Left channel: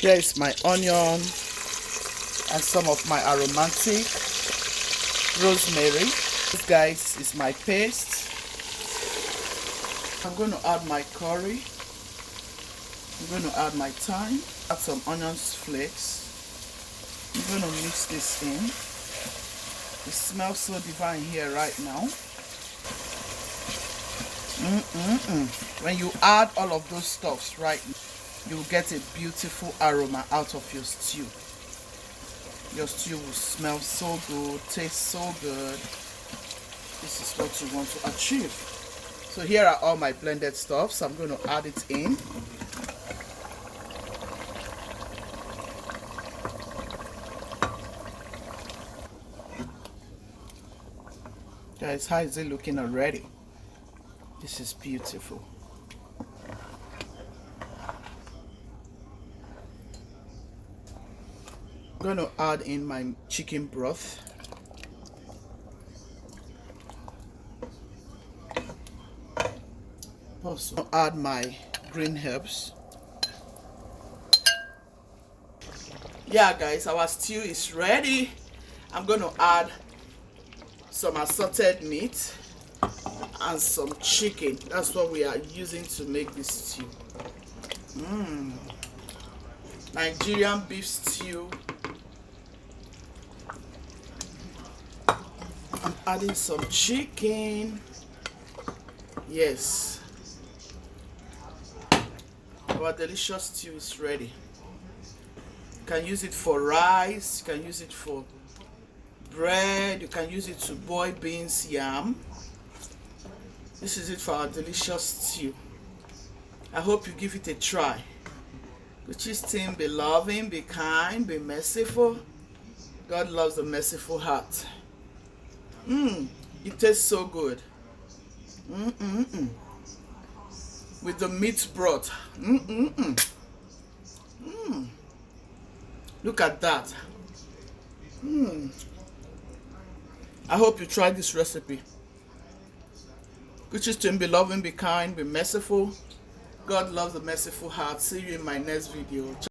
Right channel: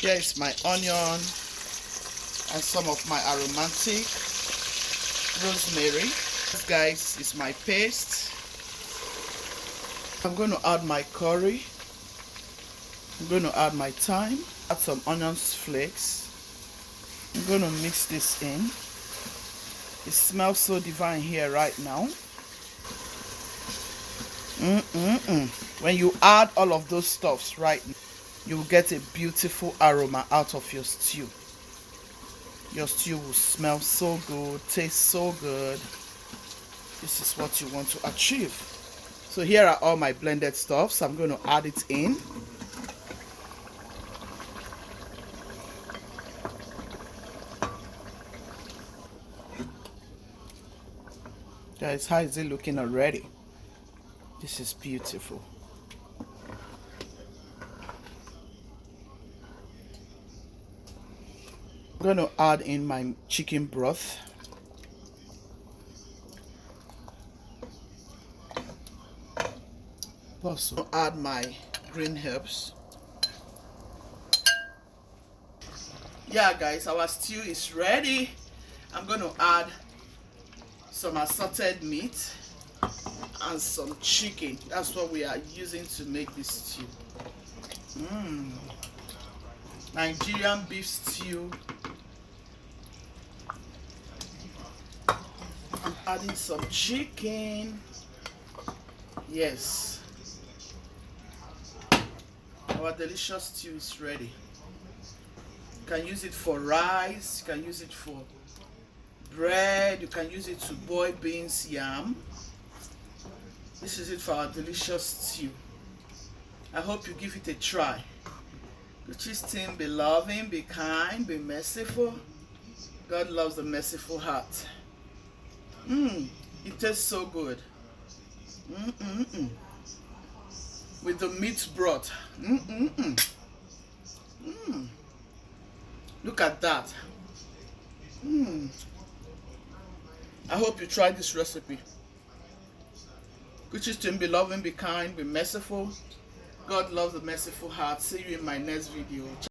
Here is my onion and some of my aromatic rosemary. This, guys, is my paste. I'm going to add my curry. I'm going to add my thyme. Add some onion flakes. I'm going to mix this in. It smells so divine here right now. When you add all of those stuffs right now, you will get a beautiful aroma out of your stew. Your stew will smell so good, taste so good. This is what you want to achieve. So here are all my blended stuffs. I'm going to add it in. Guys, how is it looking already? This is beautiful. I'm going to add in my chicken broth. Also add my green herbs. Yeah, guys, our stew is ready. I'm going to add some assorted meat and some chicken. That's what we are using to make this stew. Nigerian beef stew. I'm adding some chicken. Yes, our delicious stew is ready. You can use it for rice, you can use it for bread, you can use it to boil beans, yam. This is it for our delicious stew. I hope you give it a try. Guchies team, be loving, be kind, be merciful. God loves a merciful heart. It tastes so good. With the meat broth. Look at that. I hope you try this recipe. Guchies team, be loving, be kind, be merciful. God loves a merciful heart. See you in my next video.